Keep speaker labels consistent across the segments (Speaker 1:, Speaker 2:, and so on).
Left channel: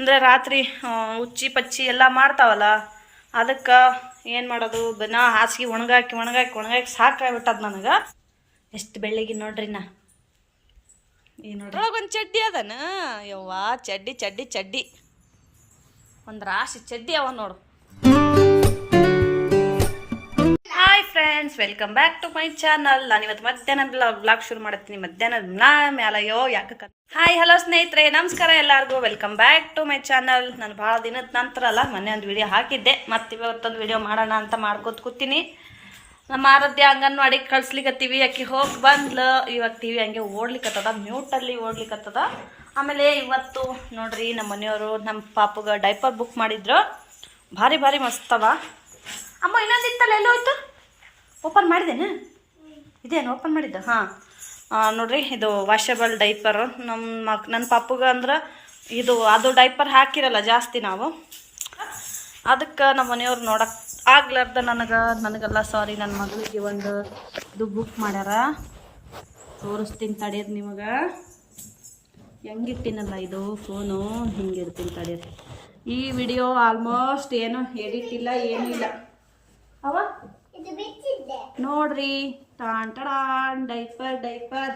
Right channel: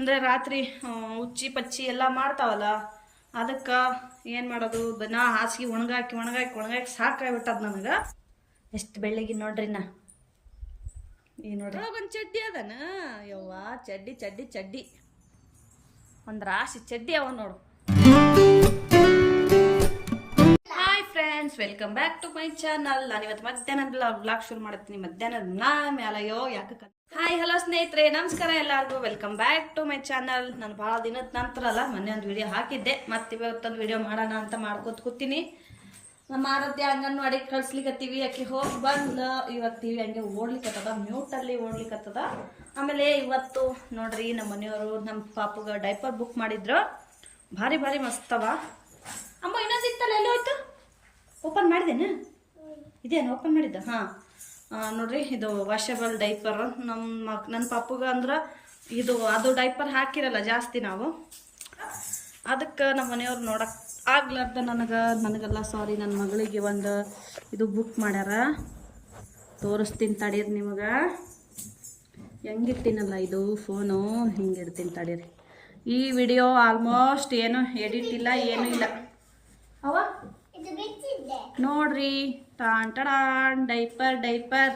Speaker 1: ಅಂದರೆ ರಾತ್ರಿ ಉಚ್ಚಿ ಪಚ್ಚಿ ಎಲ್ಲ ಮಾಡ್ತಾವಲ್ಲ, ಅದಕ್ಕೆ ಏನು ಮಾಡೋದು? ನಾ ಹಾಸಿಗೆ ಒಣಗಾಕಿ ಒಣಗಾಕಿ ಒಣಗಾಕಿ ಸಾಕಾಗ್ಬಿಟ್ಟದ ನನಗೆ. ಎಷ್ಟು ಬೆಳ್ಳಿಗೆ ನೋಡ್ರಿ ನಾ. ಈ ನೋಡ್ರಿ. ಒಂದು ಚಡ್ಡಿ ಅದನ? ಯವ್ವ, ಚಡ್ಡಿ ಚಡ್ಡಿ ಚಡ್ಡಿ. ಒಂದು ರಾಶಿ ಚಡ್ಡಿ ಅವ ನೋಡು. Welcome back to my channel ನಾನು ಇವತ್ತು ಮಧ್ಯಾಹ್ನದ ಬ್ಲಾಗ್ ಶುರು ಮಾಡ್ತೀನಿ. ಮಧ್ಯಾಹ್ನದ ನಾ ಮೇಲಯ್ಯೋ ಯಾಕೆ ಹಾಯ್ ಹಲೋ ಸ್ನೇಹಿತರೆ, ನಮಸ್ಕಾರ ಎಲ್ಲರಿಗೂ. Welcome back to my channel ನಾನು ಭಾಳ ದಿನದ ನಂತರ ಅಲ್ಲ, ಮೊನ್ನೆ ಒಂದು ವಿಡಿಯೋ ಹಾಕಿದ್ದೆ. ಮತ್ತೆ ಇವತ್ತೊಂದು ವಿಡಿಯೋ ಮಾಡೋಣ ಅಂತ ಮಾಡ್ಕೋತ ಕೂತೀನಿ. ನಮ್ಮ ಆರಾಧ್ಯ ಅಂಗನವಾಡಿಗೆ ಕಳ್ಸ್ಲಿಕತ್ತೀವಿ. ಆಕಿ ಹೋಗಿ ಬಂದ್ಲು. ಇವಾಗ ಟಿ ವಿ ಹಂಗೆ ಓಡ್ಲಿಕ್ಕತ್ತದ ಮ್ಯೂಟಲ್ಲಿ ಓಡ್ಲಿಕ್ಕತ್ತದ ಆಮೇಲೆ ಇವತ್ತು ನೋಡ್ರಿ ನಮ್ಮ ಮನೆಯವರು ನಮ್ಮ ಪಾಪಗ ಡೈಪರ್ ಬುಕ್ ಮಾಡಿದ್ರು. ಭಾರಿ ಭಾರಿ ಮಸ್ತವ ಅಮ್ಮ, ಇನ್ನೊಂದು ಇತ್ತಲ್ಲ? ಎಲ್ಲೋ ಹೋಯ್ತು ಓಪನ್ ಮಾಡಿದ್ದೇನೆ? ಇದೇನು ಓಪನ್ ಮಾಡಿದ್ದ? ಹಾಂ. ನೋಡ್ರಿ ಇದು ವಾಷಬಲ್ ಡೈಪರ್ ನಮ್ಮ ಮಕ್ ನನ್ನ ಪಾಪುಗ ಅಂದ್ರೆ ಇದು ಅದು ಡೈಪರ್ ಹಾಕಿರಲ್ಲ ಜಾಸ್ತಿ ನಾವು. ಅದಕ್ಕೆ ನಮ್ಮ ಮನೆಯವ್ರು ನೋಡಕ್ಕೆ ಆಗ್ಲಾರ್ದ ನನಗೆ ನನಗೆಲ್ಲ ಸಾರಿ ನನ್ನ ಮಗಳಿಗೆ ಒಂದು ಇದು ಬುಕ್ ಮಾಡ್ಯಾರ. ತೋರಿಸ್ತೀನಿ ತಡೀರಿ ನಿಮಗೆ. ಹೆಂಗಿಟ್ಟಿನಲ್ಲ ಇದು ಫೋನು ಹಿಂಗೆ ಇಡ್ತೀನಿ ತಡೀರಿ. ಈ ವಿಡಿಯೋ ಆಲ್ಮೋಸ್ಟ್ ಏನು ಎಡಿಟ್ ಇಲ್ಲ ಏನೂ ಇಲ್ಲ. ಅವ? ನೋಡ್ರಿ. ಟಾನ್ ಡೈಪರ್ ಡೈಪರ್.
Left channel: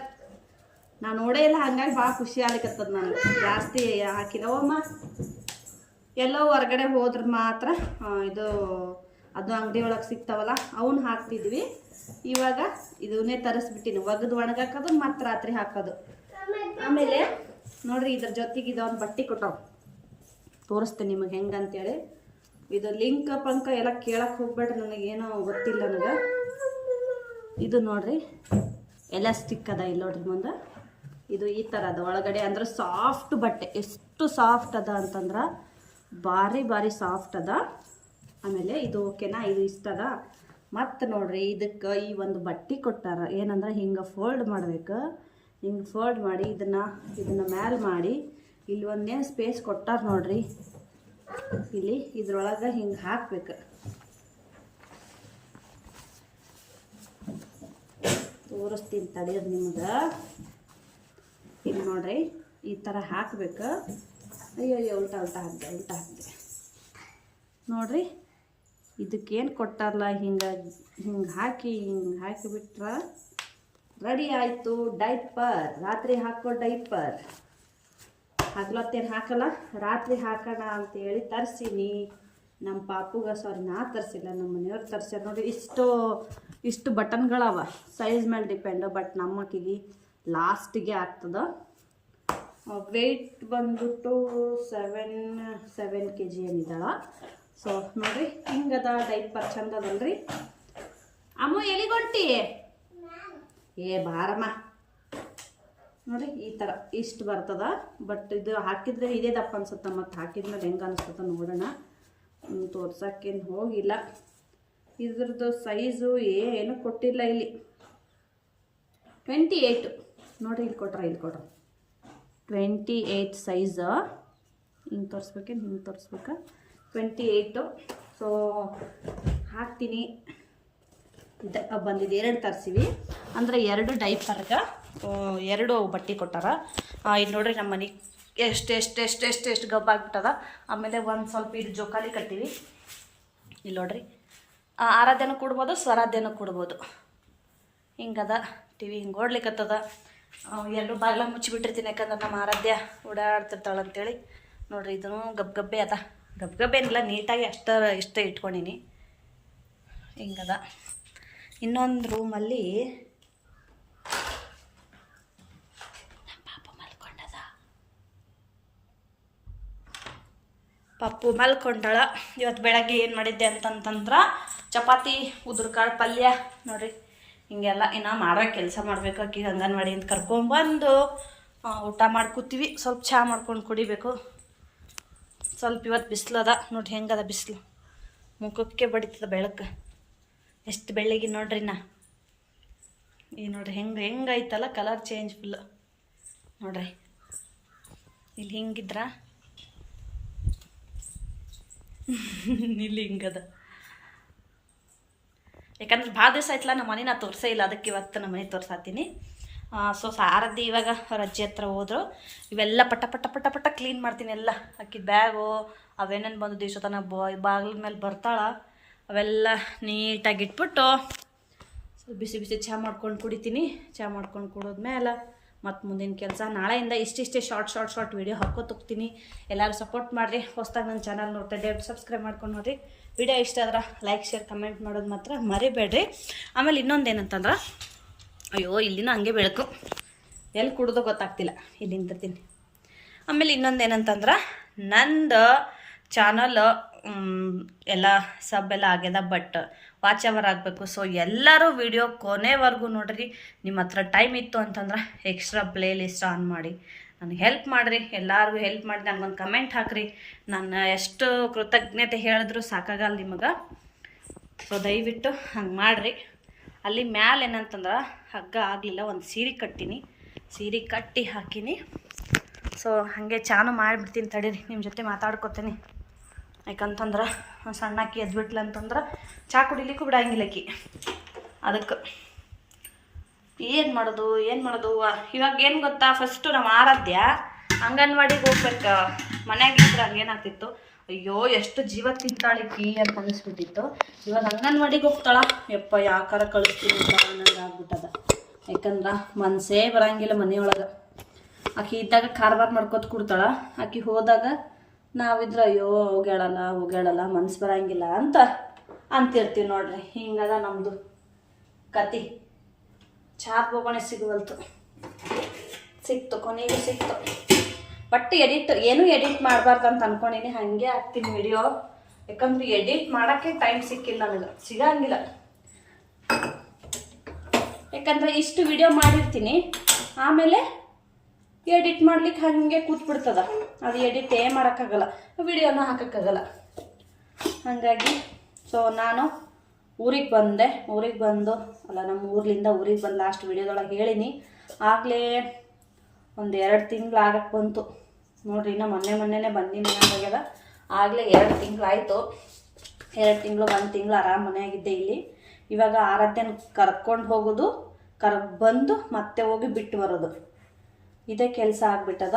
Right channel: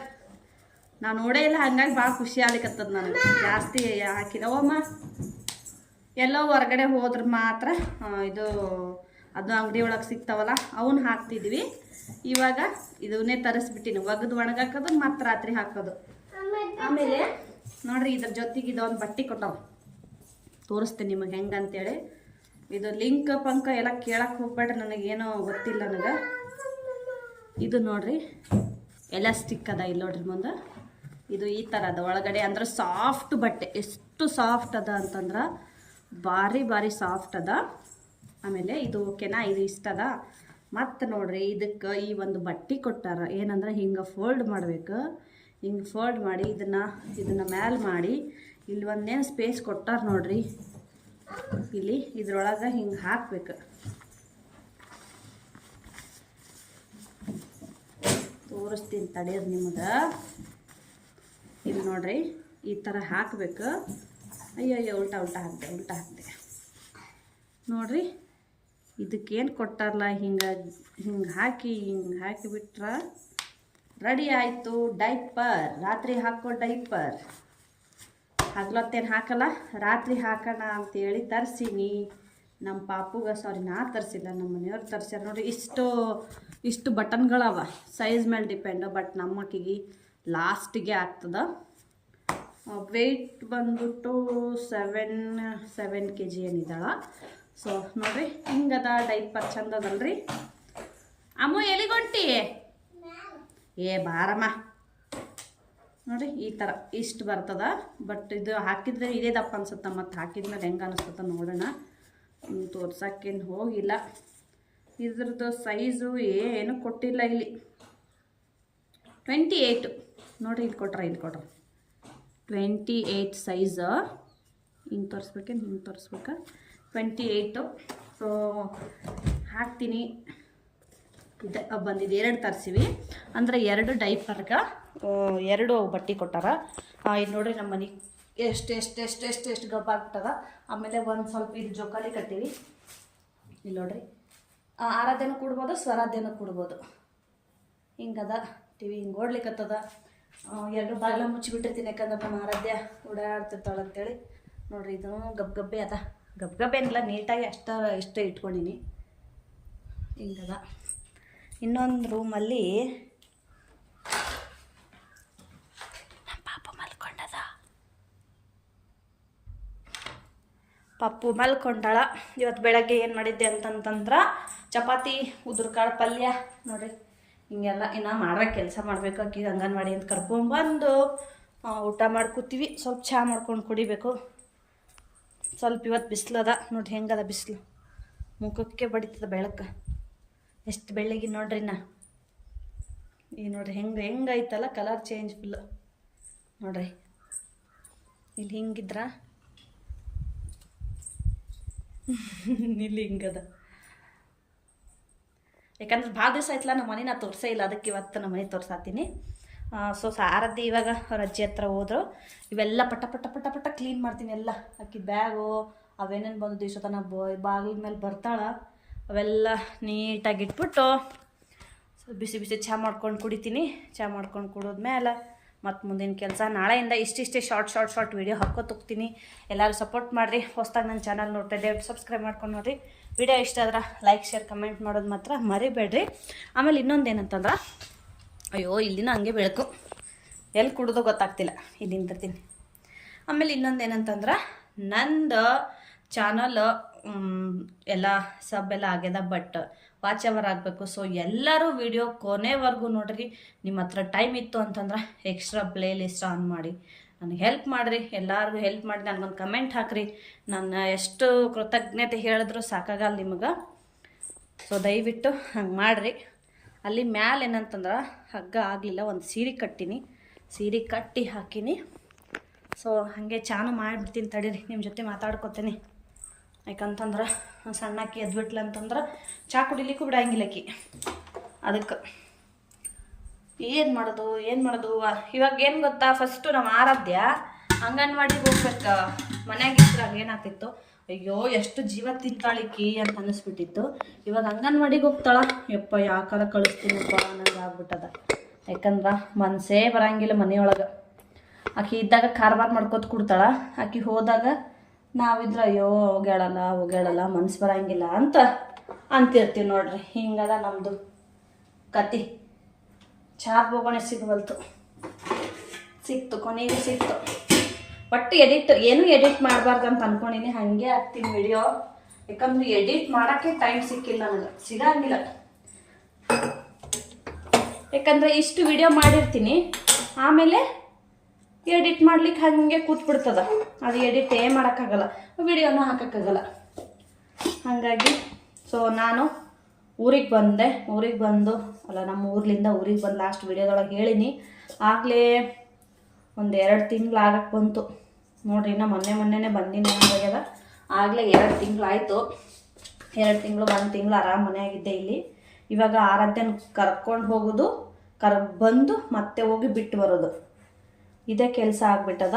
Speaker 1: ನಾನು ನೋಡೇ ಇಲ್ಲ, ಹಂಗಾಗಿ ಭಾಳ ಖುಷಿ ಆಗ್ಲಿಕ್ಕತ್ತದ ನನಗೆ. ಜಾಸ್ತಿ ಹಾಕಿಲ್ಲವಮ್ಮ ಎಲ್ಲೋ ಹೊರಗಡೆ ಹೋದ್ರೆ ಮಾತ್ರ ಇದು, ಅದು ಅಂಗಡಿ ಒಳಗೆ ಸಿಗ್ತಾವಲ್ಲ ಅವನ್ನ ಹಾಕ್ತಿದ್ವಿ. ಇವಾಗ ಇದನ್ನೇ ತರಿಸ್ಬಿಟ್ಟಿನಿ. ಒಗದು ಒಣಗಾಕೋದು, ಮತ್ತು ರಾತ್ರಿ ಹಾಕೋದು. ಆಮೇಲೆ, ನೋಡ್ರಿ, ಇದ್ರ ಜೊತೆಗೆ ಇದೊಂದು ಬಟ್ಟೆ ಕೊಟ್ಟವು. ತೋರಿಸ್ತೀನಿ ನಿಮಗೆ ಹೆಂಗಂತೇಳಿ. ಇದು ಲಿಂಕ್, ಪಂಕ ಎಲ್ಲ ಕೇಳಕ್ಕೆ ಹೋಗ್ಬೇಡ್ರಿ, ನನಗೇನೋ ಗೊತ್ತಿಲ್ಲ ನನಗೆ. ಇದು ನೋಡ್ರಿ ಎಲಾಸ್ಟಿಕ್ ಅದ ಇಲ್ಲಿ ನೋಡ್ರಿ ಮುಂದೆ. ಇದು ಈ ಥರ ಅದ ಒಳಗಡೆ ಅಂದ್ರೆ ಸಾಫ್ಟ್ ಬಟ್ಟೆ. ಎಷ್ಟು ಸಾಫ್ಟ್ ಅದ ಅಂತಂದ್ರೆ ಭಾರಿ ಭಾರಿ ಸಾಫ್ಟ್ ಅದ. ಆಮೇಲೆ ಇದು ಓಕೆನಾ ಇದು ಇಷ್ಟ ಅದ. ಮತ್ತು ನೋಡ್ರಿ, ಇದಕ್ಕೆ ಈ ಒಂದು ಬಟ್ಟೆ ಕೊಟ್ಟಾರ. ಏನಂದ್ರೆ ಹಿಂಗೆ ಫೋಲ್ಡ್ ಮಾಡ್ಬೇಕು. ಹಿಂಗೆ ಫೋಲ್ಡ್ ಮಾಡಿ ಇದನ್ನು ಇದನ್ನು ಮ್ಯಾಲ್ ಮಾಡಿ ಇಲ್ಲಿ ಒಂದೇನು ಸ್ಪೇಸ್ ಕೊಟ್ಟಾರ ನೋಡ್ರಿ. ಇಲ್ಲಿ ಇದ್ರೊಳಗೆ ಹಿಂಗೆ ಹಾಕ್ಬೇಕು. ತೋರಿಸ್ತೀನಿ ತಡೀರಿ ನಿಮ್ಗೆ. ಇಲ್ಲಿ ನೋಡ್ರಿ, ಈ ಥರ ಹಾಕಬೇಕು. ಅಯ್ಯೋ ಅಯ್ಯೋ ಉಲ್ಟಾ ಉಲ್ಟಾ ಹಾಕಿದೆ ಉಲ್ಟಾ ಹಾಕಿದೆ. ನೋಡ್ರಿ, ಇದಕ್ಕೇನು ಕೊಟ್ಟಾರಲ್ಲ ಹಿಂಗೆ ಹಿಂಗೆ ಹಾಕಿ, ಹಿಂಗೆ ಹಾಕಿಬಿಟ್ರೆ ರೆಡಿ ಆಯಿತು. ಡೈಪರ್, ರಾತ್ರಿ ಹಾಕೋ ಡೈಪರ್. ಹಗ್ಲೊತ್ತೇನು ಹಾಕಲ್ಲ? ರಾತ್ರಿ ಹಾಕೋಣ ಅಂತೇಳಿ ತರಿಸೀನಿ. ನಮ್ಮ ಪಾಪುಗ ಸಾರಿ ನಾ ತರಿಸಿಲ್ಲ ನಮ್ಮ ಮನೆಯವ್ರು ತರಿಸ್ಯಾರ ನೋಡಿ ಇಷ್ಟು ಇಷ್ಟು ಬಟನ್ಗಳವ. ಸೈಜ್ ಮೇಲೆ ಡಿಪೆಂಡು, ಬಟ್ ನಮ್ಮ ಅಕ್ಕಿಗೆ ಲಾಸ್ಟಿಗೆ ಆಗ್ತದ. ವೆಯ್ಟ್ ಬಂದ್ಬಿಟ್ಟು ಸೆವೆನ್ ಸೆವೆನ್ ಕೆ ಜಿ ಏನಿದ್ದಾಳ ಸೊ ನೋಡಿರಿ, ಹಿಂಗದ ಡೈಪರ್ ಚಂದ ಅದಲ್ರಿ ಅಮ್ಮ, ಎಲಿಗೊಂಟಿ? ಏ, ಬಾರಮ್ಮ. ನೋಡಿ ಈ ಥರ ಇಷ್ಟು ಬರ್ತದ. ಬಟ್ ಇದು ಹಾಕಿದ್ರೆ ಇದೇ ದಪ್ಪ ಅನ್ಸುತ್ತೆ, ಮತ್ತು ಹಾಕಿದ್ಮೇಲೆ ಹೆಂಗೆ ಅನಿಸ್ತದ ನೋಡೋಣ. ತೋರ್ಸೋಕ್ಕೇನು ಹೋಗಿಲ್ಲ. ಇದ್ರದ್ದು ಸೈಜು ಏನು ಕೊಟ್ಟಿಲ್ಲ ಇಲ್ಲಿ. ಟ್ವೆಂಟಿ ಏಯ್ಟು ನೋಡಿರಿ ಇಲ್ಲಿ ಕೊಟ್ರ ಇಲ್ಲಿ ಕೊಟ್ರ. ಟ್ವೆಂಟಿ ಏಯ್ಟ್ ಸೈಜ್ ಹಿಂಗೆ ತೋರಿಸ್ಬೇಕೇನು ಹಿಂಗೆ ತೋರಿಸ್ಬೇಕಾ. ಟ್ವೆಂಟಿ ಏಯ್ಟು ಸೊ ಹಾಕ್ತೀನಿ. ಇದು ಬಂದಿದ್ದು ಎರಡು ತರಿಸಿವಿ? ಅಂದರೆ ಎರಡು ಡೈಪರ್ಗ ಎರಡು ಬಟ್ಟೆ ಕೊಟ್ಟಾರ. ಇಲ್ಲಿ ನೋಡ್ರಿ ನಮ್ಮ ಮನೆಗೆ ಎಷ್ಟು ಎಷ್ಟು ಎಷ್ಟು ಎಷ್ಟು ಎಷ್ಟು ಗಬ್ಬಾಗ್ಬಿಟ್ಟದ. ಆಮೇಲೆ ಒಂದು ಸ್ವಲ್ಪ ಇದು ಜೋಕಾಲಿ ಕಟ್ಟಿವಿ. ಇಲ್ಲಿ ನೋಡ್ರಿ ಆರಾಧ್ಯನೂ ಕೊಡ್ಬೋದು, ಸ್ವರಾಧ್ಯನೂ ಕೊಡ್ಬೋದು. ಹಿಂಗದ ಟಿ ವಿ ಹಿಂಗೆ ಓಡ್ಲಿಕ್ಕತ್ತದ ಎಲ್ಲರೂ ಬಾಗಿಲ ಮುಚ್ಚಿಬಿಟ್ಟಿರ್ತೀನಿ ಯಾಕಂದ್ರೆ ನಮ್ಮ ಆರಾಧ್ಯ ಓಡಾಡ್ತಿರ್ತಾಳೆ ಅಂತೇಳಿ. ನೋಡ್ರಿ, ಇದೂ ಗಬ್ ಗಬ್ಬೆ ಅದ. ಗಬ್ ಗಬ್ಬೆ ಏನಿಲ್ಲ, ನೀಟಾಗಿ ಅಷ್ಟ, ಇಷ್ಟ ಇಟ್ಕೊಂಡೀನಿ. ಹಿಂಗದ. ಇನ್ನೊಂದು ರೂಮಲ್ಲಿ ಪಾಪ ಮಲ್ಕೊಂಡದ. ಪಪ್ಪು ಮಲ್ಕೊಂಡಾಳ. ಇವತ್ತು ಬೆಳಗ್ಗೆ ಏನು ಮಾಡಿದ್ದೆ ಅಂತಂತಂದ್ರೆ ಚಪಾತಿ ಉದುರ್ಕಾಳು ಪಲ್ಯ ನೋಡ್ರಿ. ಹಿಂಗೆಲ್ಲ ಇನ್ನು ಮಾಡೋ ಕೆಲಸ ಮಾಡಬೇಕು ಆಕಿ ಅಂಗನವಾಡಿ ಅಂತ ಕರ್ಕೊಂಬಂದು ಆ, ಊಟ ಮಾಡಿ ಕೂತೀವಿ. ಸ್ವಲ್ಪ ಚಹಾ ಮಾಡ್ಕೊಂಡು ಕುಡಿಬೇಕು. ಸ್ವಲ್ಪ ಇವತ್ತು ಬಿಸಿಲದ ನೋಡ್ರಿ ಹೆಂಗದ ಬಿಸಿಲು. ಮುಖಕ್ಕೆ ಬಡಿತದ ಬೆಳಕು. ಎಷ್ಟು ಬೆಳ್ಳಗೆ ನೋಡ್ರಿ ನಾ ಈ ನೋಡ್ರಿ ಹೆಂಗೆ ಹೆಂಗೈತಲ್ಲ ಕಲರ್ ಚೇಂಜ್ ಫುಲ್ಲು ನೋಡ್ರಿ. ಇಲ್ಲಿ ಹಿಂಗಿದ್ರ. ಇಲ್ಲಿ ಹಿಂಗದ. ಯಾಕಂದ್ರೆ ಭಾಳ ದಿವಸ ಆಯ್ತಲ್ಲ, ನಮ್ಮ ಮನೆ ನಾ ತೋರಿಸೇ ಇಲ್ಲ, ಅದಕ್ಕೆ ಇವತ್ತು ನಮ್ಮ ಮನೆ ತೋರ್ಸಾತೀನಿ. ಸೊ ಸಾರದ್ದು ಇವಾಗ ಅವ್ರ ಅಜ್ಜಿ ಹತ್ರ ಹೋದ್ರು. ಇವೆಲ್ಲ ಪಟ ಪಟ ಪಟ ಪಟ ಕ್ಲೀನ್ ಮಾಡ್ತೀನಿ ಎಲ್ಲ. ಅಕ್ಕಿ ಬ್ಯಾಗು, ಅವೇನೇನು ಬಂದು ದಿವಸ ತನ ಬಾಗಿಲ ಮೇಲೆ ಬರ್ತಾಳ, ಅವೆಲ್ಲ ನೀಟಾಗಿ ಇಟ್ಬಿಟ್ಟು ಬಿಸಿ ಬಿಸಿ ಚಹಾ ಮಾಡ್ಕೊಂಡು ಕುಡಿತೀನಿ. ಚಹಾ ಮಾಡ್ಕೊಂಡು ಕುಡಿದ್ಮೇಲೆ ಮತ್ತು ಮುಂದಿನ ಕೆಲಸ. ನಾಳೆಯಿಂದ ಇಷ್ಟಿಷ್ಟೇ ಶಾರ್ಟ್ ಶಾರ್ಟ್ ಶಾರ್ಟ್ ವೀಡಿಯೋ ಹಾಕೋತೋಗ್ತೀನಿ ಎಲ್ಲರೂ ಸಪೋರ್ಟ್ ಮಾಡಿರಿ. ಹೊಸ್ದಾಗಿ ನನ್ನ ಚಾನಲ್ ನೋಡ್ತಾ ದಯವಿಟ್ಟು ಸಬ್ಸ್ಕ್ರೈಬ್ ಮಾಡ್ಕೊಂಡು ನೋಡಿರಿ. ವಿಡಿಯೋ ಇಷ್ಟ ಆದ್ರೆ ಲೈಕ್ ಶೇರ್ ಕಮೆಂಟ್ ಮಾಡೋದು ಮಾತ್ರ ಮರಿಬೇಡ್ರಿ. ಆಮೇಲೆ ಇನ್ನೊಂದು ಏನಂತಂದ್ರೆ, ಅಯ್ಯೋ, ಇಲ್ಲಿನ ಹಂಗೆ ಬೆಳಕು. ಎಲ್ಲಿ ಕುಡ್ದೋ ಗೊತ್ತಾಗ್ತಿಲ್ಲ. ಇಲ್ಲಿ ನಿಂತಿರ್ತೀನಿ ಆಮೇಲೆ ಇನ್ನೊಂದು ಏನಂತಂದ್ರೆ, ನಂದು ಚಾನಲ್ ಎಲ್ಲ ಸಬ್ ಎಲ್ಲ ಆಗ್ಯದ ಬಟ್ ವಾಚ್ ಅವರ್ ಆಗಬೇಕು. ಸೊ ಎಲ್ಲರೂ ವಿಡಿಯೋ ಕೊನೆವರೆಗೂ ನೋಡ್ರಿ. ನಿಮ್ಮ ಹತ್ರ ಟೈಮ್ ಇತ್ತು ಅಂತಂದ್ರೆ ಎಕ್ಸ್ಟ್ರಾ ಪ್ಲೇ ಲಿಸ್ಟ್ ಆನ್ ಮಾಡಿ. ನನಗೆ ಹೆಲ್ಪ್ ಮಾಡಿರಿ. ಎಲ್ಲರಿಗೂ ಹೆಲ್ಪ್ ಮಾಡಿ ನನಗೊಂದು ಕಮೆಂಟ್ ಹಾಕ್ರಿ. ನಾನು ಎಷ್ಟು ಕೃತಜ್ಞತೆ ಹೇಳಿದ್ರು ಸಾಕಾಗಲ್ಲ ನಿಮಗೆ. ಸೊ ದಯವಿಟ್ಟು ಹಂಗೆ ಮಾಡಿರಿ. ಅಲ್ಲಿ ಮ್ಯಾಲೆ ಏನಂತಂದ್ರೆ ಹಗ್ಗ ಆಗಲಿಲ್ಲ, ಒಂದು ಸೀರೆ ಕಟ್ಟಿನಿ. ಸೀರೆ ಕಟ್ಟಿ ಹಾಕಿನಿ. ಸೊ ಹಾಗೆ ಚಾನು ಮಾಡಿಬಿಡ್ತೀನಿ ತಡೀರಿ ನಿಮ್ಮ ಜೊತೆ ಮಾತಾಡ್ಕೊತೀನಿ. ಯಾಕಂತಂದ್ರೆ ಸಣ್ಣಕ್ಕಿ ಎದ್ಬಿಟ್ಲ ಅಂತಂದ್ರೆ ಚಾ ಕುಡಿಲಿಕ್ಕೂ ಬಿಡಂಗಿಲ್ಲ ಆಕಿ. ಅದಕ್ಕೆ. ಏನು ಮಾಡೋದು ಏನು ಮಾಡೋದು? ಇವಾಗ ಏನು ಗೊತ್ತಾ? ಫಸ್ಟು ನಮ್ಮ ಆರಾಧ್ಯ, ಅಂಗನವಾಡಿಗೆ ಹೋಗ್ಬೇಕು. ಮನೆಯಾಗ ಇದ್ರಾಗ ಏನಾಗ್ತಿತ್ತು? ಅಯ್ಯೋ, ಎಷ್ಟು ಜೀವ ತಿಂತಾಳಿಕಿ ಅಂತ ಅನ್ನಿಸ್ಬಿಟ್ಟಿತ್ತು. ಇವಾಗ ಅಂಗನವಾಡಿಗೆ ಹೋಗ್ತಾಳ? ಯಪ್ಪ, ಯಾಕಾರ ಕಳಿಸ್ತೀನಿ ಅನ್ನೋದು ಆಗ್ಬಿಟ್ಟದ. ಯಾಕಂದ್ರೆ ಮನಸ್ಸೇ ಬರಂಗಿಲ್ಲ ಮನೆಯೊಳಗೆ. ಆಕಿ ಇದ್ದಾಗ ಕಾರ್ಬಾರ್ ಮಾಡ್ಕೊತ ಕೊಡ್ತಾಳ. ಆಕಿ ಹೋದಾಗ ನಾವಿದ್ರೆ, ಅಯ್ಯೋ, ಹೋಗ್ಯಾಳಲ್ಲ ಹೋಗ್ಯಾಳಲ್ಲ, ಮನ್ಸು ಬರಂಗಿಲ್ಲ ಅಂತ ಅಂತಿರ್ತೀವಿ ನೋಡ್ರಿ. ಹಿಂಗದ ನಮ್ಮದು ಕತಿ. ಚಾದ್ ಬೋಗಣೆ ಸಿಗವಲ್ತು. ಸಿಕ್ತು, ಕೊನೆಗೆ ಸಿಕ್ತು. ಒಟ್ಟು ಎಡಿಟ್ ಏನು ಎಡಿಟ್ ಮಾಡಬಾರ್ದು ಅಂತ ಅನ್ಕೊಂಡಿನಿ, ಹಾಗೆ ಹಾಕ್ತೀನಿ ವಿಡಿಯೋ ಯಾಕಂದ್ರೆ ಎಡಿಟ್ ಮಾಡೋಕ್ಕೆ ಟೈಮ್ ಸಿಕ್ಕಿಲ್ಲ ನನಗೆ ಸಿಗಂಗಿಲ್ಲ. ಯಾಕಂದ್ರೆ ಇಷ್ಟು ವಿಡಿಯೋ ಮಾಡಿರ್ತೀನಿ, ಆಮೇಲೆ ಎಡಿಟ್ ಮಾಡ್ಲಿಕ್ಕೆ ಹಾಗೆ ಕೂತ್ಬಿಡ್ತದ. ಅದು ಎಡಿಟ್ ಏ ಮಾಡೋಕ್ಕಾಗಲ್ಲ ವಿಡಿಯೋನೂ ಹಾಕೋಕ್ಕಾಗಲ್ಲ. ಹಾಗಾಗಿ ಸೊ ನಾನು ಊರಿಗೆ ಬಂದೆ, ಊರಿಗೆ ಬಂದು, ಅಲ್ಲ ನಮ್ಮ ಊರ್ಲಿಂದ ಊರಿಗೆ ಬಂದು ಲಾಸ್ಟ್ ವೀಡಿಯೋದೊಳಗೆ ಹೇಳಿನಿ. ಆಗಲೇ ಒಂದು ಎರಡು ತಿಂಗಳು ಆಗಕ್ಕೆ ಬಂತು. ನೋಡ್ರಿ ಇನ್ನೂ ಮೊನ್ನೆ ಮೊನ್ನೆನೇ ಬಂದಿನಿ ಆಗ್ಯದ ಆಗಲೇ ಎರಡು ತಿಂಗಳು ಆಯಿತು. ಎರಡು ತಿಂಗಳು, ಒಂದು ತಿಂಗಳು ಆರಾಮ್ ಮನೆಯಾಗಿದ್ದೆ ಇಲ್ಲಿ. ಇವಾಗ ಆರಾಧ್ಯನ ಕರ್ಕೊಂಡು ಹೋಗೋದು, ಕರ್ ಬಂದು ಮತ್ತೆ ಹೋಗಿ ಬಿಟ್ಟು ಬರೋದು. ಇದೇ ಕೆಲಸ ಆಗ್ಬಿಟ್ಟದ.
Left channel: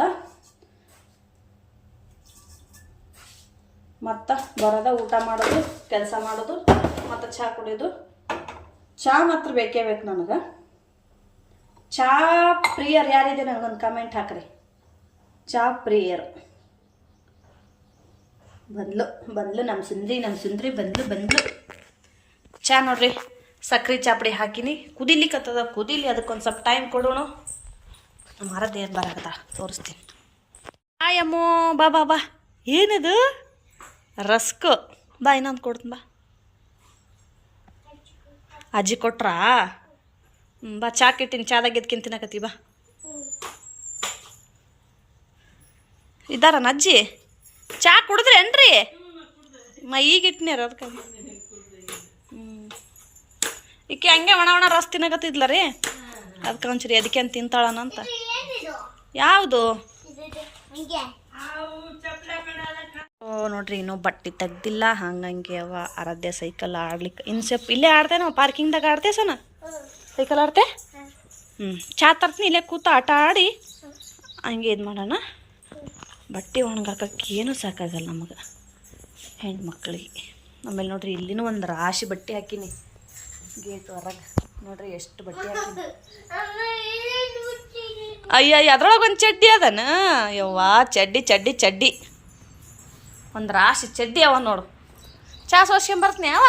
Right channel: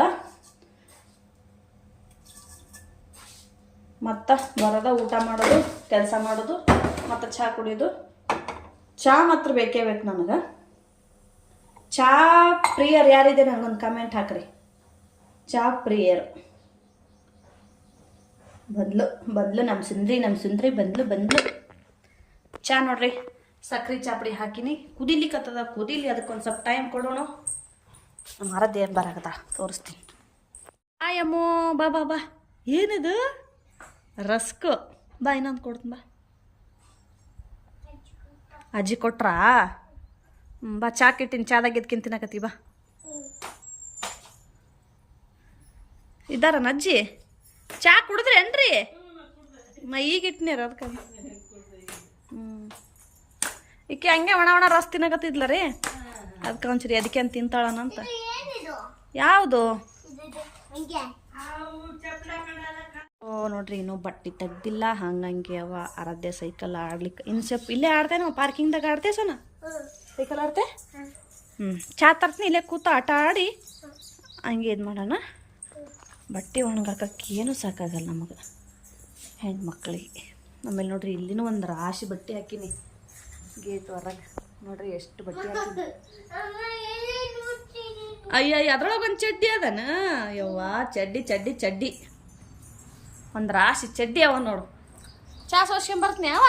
Speaker 1: ಮತ್ತು ಬರೋದ ಊಟ ಮಾಡೋದು, ಕೆಲಸ ಮಾಡೋದು. ಮತ್ತು ಚಹಾ ಕುಡಿಯೋದು? ಚಹಾ ಮಾತ್ರ ಬೇಕೇ ಬೇಕು ನನಗೆ. ಚಹಾ ಪ್ರಿಯರ್ ಯಾರಿದೆ ನನಗೊಂದು ಕಮೆಂಟ್ ಹಾಕ್ರಿ. ಚಹಾ ಪ್ರಿಯರು. ಬಂದ್ಲು ಬಂದ್ಲು ನಮ್ಮ ಸುಂದ್ರಿ ನಮ್ಮ ಸುಂದ್ರಿ ಬಂದ್ಲು ಬಂದ್ಲು. ಚಹಾ ನೋಡ್ರಿ ಸಕ್ಕರೆ ಚಾಪಡಿ ಹಾಕಿನಿ. ಕುದಿಲಿಕ್ಕತ್ತದ ಕುದಿಲಿ, ಅದಕ್ಕೊಂದು ಸ್ವಲ್ಪ ಟೈಮ್ ಕೊಡೋಣ. ಮರದ ಏನು ಬರಾಕದ ತೋರಿಸ್ತೀನಿ. ಆಯಮ್ಮೋ ಬಾ ಬಾ ಬಾ. ಏನಿದು? ರಸ್ಕು. ಬಾ, ಇನ್ನೊಂದು ಕೊಡ್ತೀನಿ, ಬಾ. ಅಜ್ಜಿ ಕೊಟ್ರಾ? ಬಾ ಚಾ ಇಟ್ಟಿನಿ ಚಾದಾಗ ಎದ್ಕಿನ್ ತಿನ್ನಕತ್ತಿ ಬಾ. ಇದ್ದಾರನ ಅಜ್ಜಿ? ಚಾ ಕುಡಿದ್ರೇನ್ರಿ ಮ ಈಗ ಇಟ್ಟಿನಿರ ಅದಕ್ಕೆ ಹ್ಞೂ ಈಕೆ ಹಂಗೆ ಒಣ ಒಣ ರಸ್ ತಿನ್ನಕತ್ತಿದ್ಲ ರೀ? ಅದಕ್ಕೆ ಒಂಚೂರಿ ಅದಕ್ಕೆ ಅಂತ ತಿಂತಾಳನಂತ ಯಾವುದು? ಓ, ನೋಡ್ರಿ, ಇನ್ನೂ ಬಟ್ಟೆ ತೆಗ್ದಿಲ್ಲ, ಹಂಗಂಗೆ ಅವ ಆರಾಧ್ಯ ಸೈಕಲ್ ಆಡ್ಲಿಕ್ಕೆ ಇನ್ಸೆಪ್ ಇಲ್ಲೇ ನಾವು ಪಾರ್ಕಿಂಗ್ದಾಗ ಆಡ್ತೇ ಸೈಕಲ್ ಆಡ್ತೆ ಹ್ಞೂ ಚಾ ತರ್ತೀನಿ, ಇಲ್ಲೇ ಕೂತ ಆಟ ಆಡಿ, ಹಂಗೆ ಇದು ಮಾಡೋಣ. ಬಟ್ಟೆ ಒಣಗಾಕಕ್ಕೆ ಏನೂ ಸಾಕಾಗಲ್ಲ ನಮಗೆ ಮಕ್ಕಳಿಗೆ ಆಮೇಲೆ ನೋಡ್ರಿ, ಇಲ್ಲಿನೂ ಒಂದು ರಾಶಿ ಬಟ್ಟೆ ಹಾಕಿನಿ. ಗೇಟ್ ಹೊರಗೆ ನೋಡ್ರಿ, ಎಷ್ಟು ಬಟ್ಟೆ ಹಾಕಿನಿ. ಅಯ್ಯ ಅದ್ರೊಳಗೆ ಒಂದು ಚಡ್ಡಿ ಅದನ? ಯವ್ವಾ, ಚಡ್ಡಿ ಚಡ್ಡಿ ಚಡ್ಡಿ. ಒಂದು ರಾಶಿ ಚಡ್ಡಿ ಅವ ನೋಡು. ಚಾ ಸೋಸ್ಕೊಂಬರ್ತೀನಿ ಅವ?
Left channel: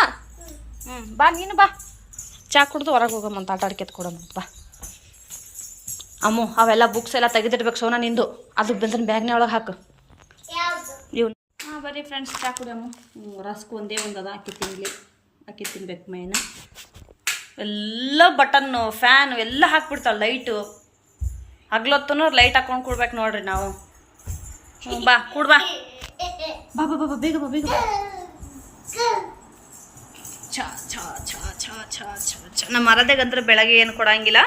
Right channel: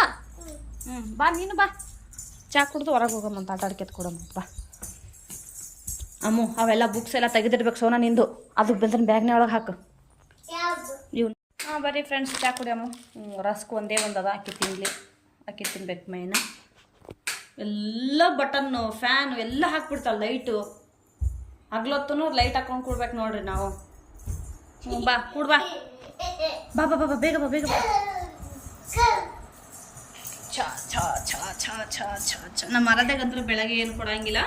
Speaker 1: ಹ್ಞೂ ಬಾ ನೀನು ಬಾ. ಚಾ ಕುಡ್ದು ಹೊರಗೆ ಹೋಗಮ್ಮಂತ ಆಟ ಆಡ್ಕೆತ್ ಕೊಡಮ್ಮಂತ ಬಾ. ಅಮ್ಮು ಅವೆಲ್ಲ ಬುಕ್ಸ್ ಎಲ್ಲ ತೆಗೆದಿಡ್ಬೇಕು ಸೋನಾ ನಿಂದು. ಅದು ಬಂದ್ರೆ ಬ್ಯಾಗ್ನ ಒಳಗೆ ಹಾಕು. ಇವ್ನು. ಹಾಂ ಬರ್ರಿ ಫ್ರೆಂಡ್ಸ್ ಚಾ ಕುಡಿಯಮ್ಮ ರಸ್ಕ್ ಒಂದೇ ಒಂದು ಅದ. ಅಕ್ಕಿ ತಿನ್ಲಿ. ಅಕ್ಕಿ ತಿನ್ಬೇಕು ಮೈನ ಎಲ್ಲ ಬಟನ್ನು ಫ್ಯಾನು ಎಲ್ಲ ಹಾಕ್ಬಿಡ್ತಾವೆ ಲೈಟು ಹಗ್ಲೊತ್ತೂ ಲೈಟ್ ಹಾಕೊಂಡು ಕೊಡ್ಬೇಕು ನೋಡ್ರಿ ನಾವು. ಹ್ಞೂ ಬಾ ಕೂಡ್ ಬಾ ಬಾ ಬಾ ಬೇಗ ಬಾ ಬೇಗ ಬಾ ಛ ಛ ಛ, ಛಾ ನಮ್ಮ ಮರದಾಗಂದ್ರೆ ಬೆಳಗ್ಗೆ ಏನು ಕೊಡಂಗಿಲ್ಲ.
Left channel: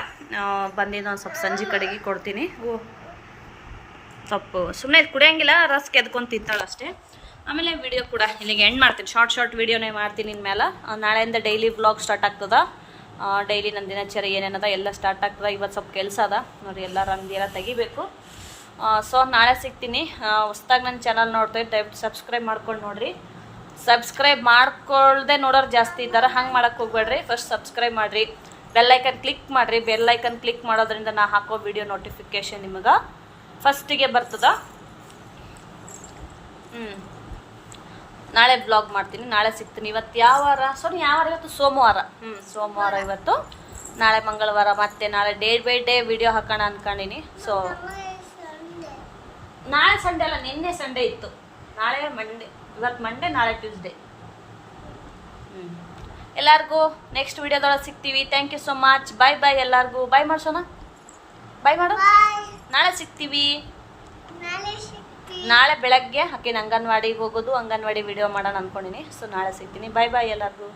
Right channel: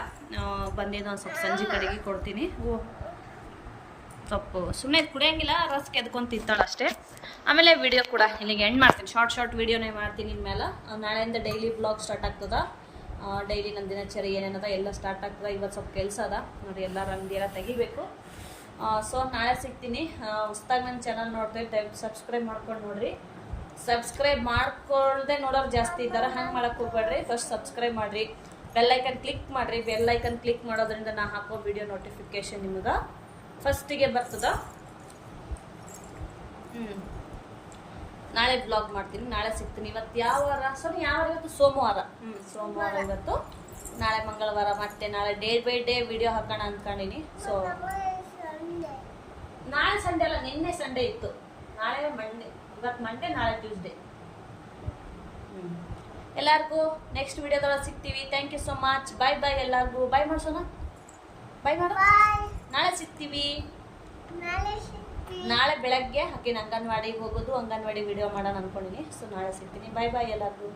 Speaker 1: ಬಂದಿದ್ದು ಒಂದು ಸ್ವಲ್ಪ ಸಂಜೆ ಕಡೆಗೆ ಕೊಡ್ತೀನಿ. ಓ. ಸ್ವಲ್ಪ ಸುಮ್ಮನೆ ಕುಡಿಯಂಗಿಲ್ಲ, ರಸ್ ಕೆದ್ಕೊಂಡು ತಿಂತಾಳೆ ಅಷ್ಟೇ. ಆಮೇಲೆ ವಿಡಿಯೋ ಕೂಡ ಇಲ್ಲಿಗೆ ಎಂಡ್ ಮಾಡ್ತೀನಿ. ಶಾರ್ಟ್ ಶಾರ್ಟ್ ವಿಡಿಯೋನೇ ಮಾಡ್ತೀನಿ ಇನ್ಮೇಲೆ. ನಾಳೆಯಿಂದ ಡೈಲಿ ಬ್ಲಾಗ್ ಸ್ಟಾರ್ಟ್ ಆಗ್ತದ. ಡೈಲಿ ನನ್ನ ದಿನಚರಿ ಏನೇನದ ಎಲ್ಲ ಸ್ಟಾರ್ಟ್ ಆಗ್ತದೆ. ಇವತ್ತು ಸ್ವಲ್ಪ ಕೆಲಸ ಅದ. ನೋಡಿ, ಎಲ್ಲ ರಂಗಿ ಎಲ್ಲ ತೆಗಿಬೇಕು. ಸೊ ನಾಳೆ ಸಿಗ್ತೀನಿ. ಹೊಸ್ದಾಗಿ ನನ್ನ ಚಾನಲ್ ನೋಡ್ತೀವಿ ದಯವಿಟ್ಟು ಸಬ್ಸ್ಕ್ರೈಬ್ ಮಾಡ್ಕೊಂಡು ನೋಡ್ರಿ. ಸಬ್ಸ್ಕ್ರೈಬ್ ಮಾಡ್ಕೊಳ್ದೆ ನೋಡೋರು ಜಾಸ್ತಿ ಇದ್ದಾರೆ, ಹಂಗೆ ಮಾಡೋಕ್ಕೆ ಹೋಗ್ಬೇಡ್ರಿ. ಫಸ್ಟ್ ಸಬ್ಸ್ಕ್ರೈಬ್ ಮಾಡಿರಿ. ಬೆಲ್ಲೈಕನ್ ಕ್ಲಿಕ್ ಮಾಡಿರಿ. ಬೆಲ್ಲೈಕನ್ ಕ್ಲಿಕ್ ಮಾಡೋದ್ರಿಂದ ನಾ ಹಾಕೋ ವಿಡಿಯೋ ನೋಟಿಫಿಕೇಶನ್ ನಿಮಗೆ ಫಸ್ಟಿಗೆ ಬರ್ತದ. ಹ್ಞೂ ನಾಳೆ ಬ್ಲಾಗ್ ಮಾಡ್ತೀನಿ. ನಾಳೆ ಸಿಗ್ತೀನಿ. ಇವತ್ತು ಯಾವ ವಾರ ಸಾರಿ ಯಾವ ವಾರ ಇವತ್ತು ಸೋಮವಾರ. ಹ್ಞೂ ಸೋಮವಾರ ಇವತ್ತು. ನಾಳೆ ಮಂಗಳವಾರ. ಮತ್ತೆ ನಾಳೆ ಡೇ ಬೈ ಡೇ ವಿಡಿಯೋ ಹಾಕೋಣ ಅನ್ಕೊಂಡಿನಿ. ಸೊ ನಾಳೆ ಸಂಡೇ ಅಲ್ಲ ನಿನ್ನೆ ಸಂಡೇ ಇತ್ತು. ನಾಳೆ ಮಂಡೆ ಇವತ್ತು ಮಂಡೇ ನಾಳೆ ಟ್ಯೂಸ್ಡೇ ಹ್ಞೂ ಎಲ್ಲರಿಗೂ ನೆಕ್ಸ್ಟ್ ವಿಡಿಯೋದೊಳಗೆ ಸಿಗ್ತೀವಿ. Thank you so much bye bye ಎಲ್ಲರಿಗೂ. ಬಾಯ್ ಮಾಡ್ಸೋಣ? ಬೈ ಮಾಡು. ನಾಳೆ ಸಿಗ್ತೀವಿ. ನಾಳೆ ಬೆಳಗ್ಗೆ ಹಾಕಿನ ಅಂಗನವಾಡಿಗೆ ಹೋಗೋದು ಅಂಗನವಾಡಿ ವಿಡಿಯೋ ಮಾಡೋಣ ಅನ್ಕೊಂಡಿನಿ. ಸೊ ನಾಳೆ ಸಿಗ್ತೀನಿ. ಬಾಯ್ ಬಾಯ್ ಎಲ್ಲರಿಗೂ.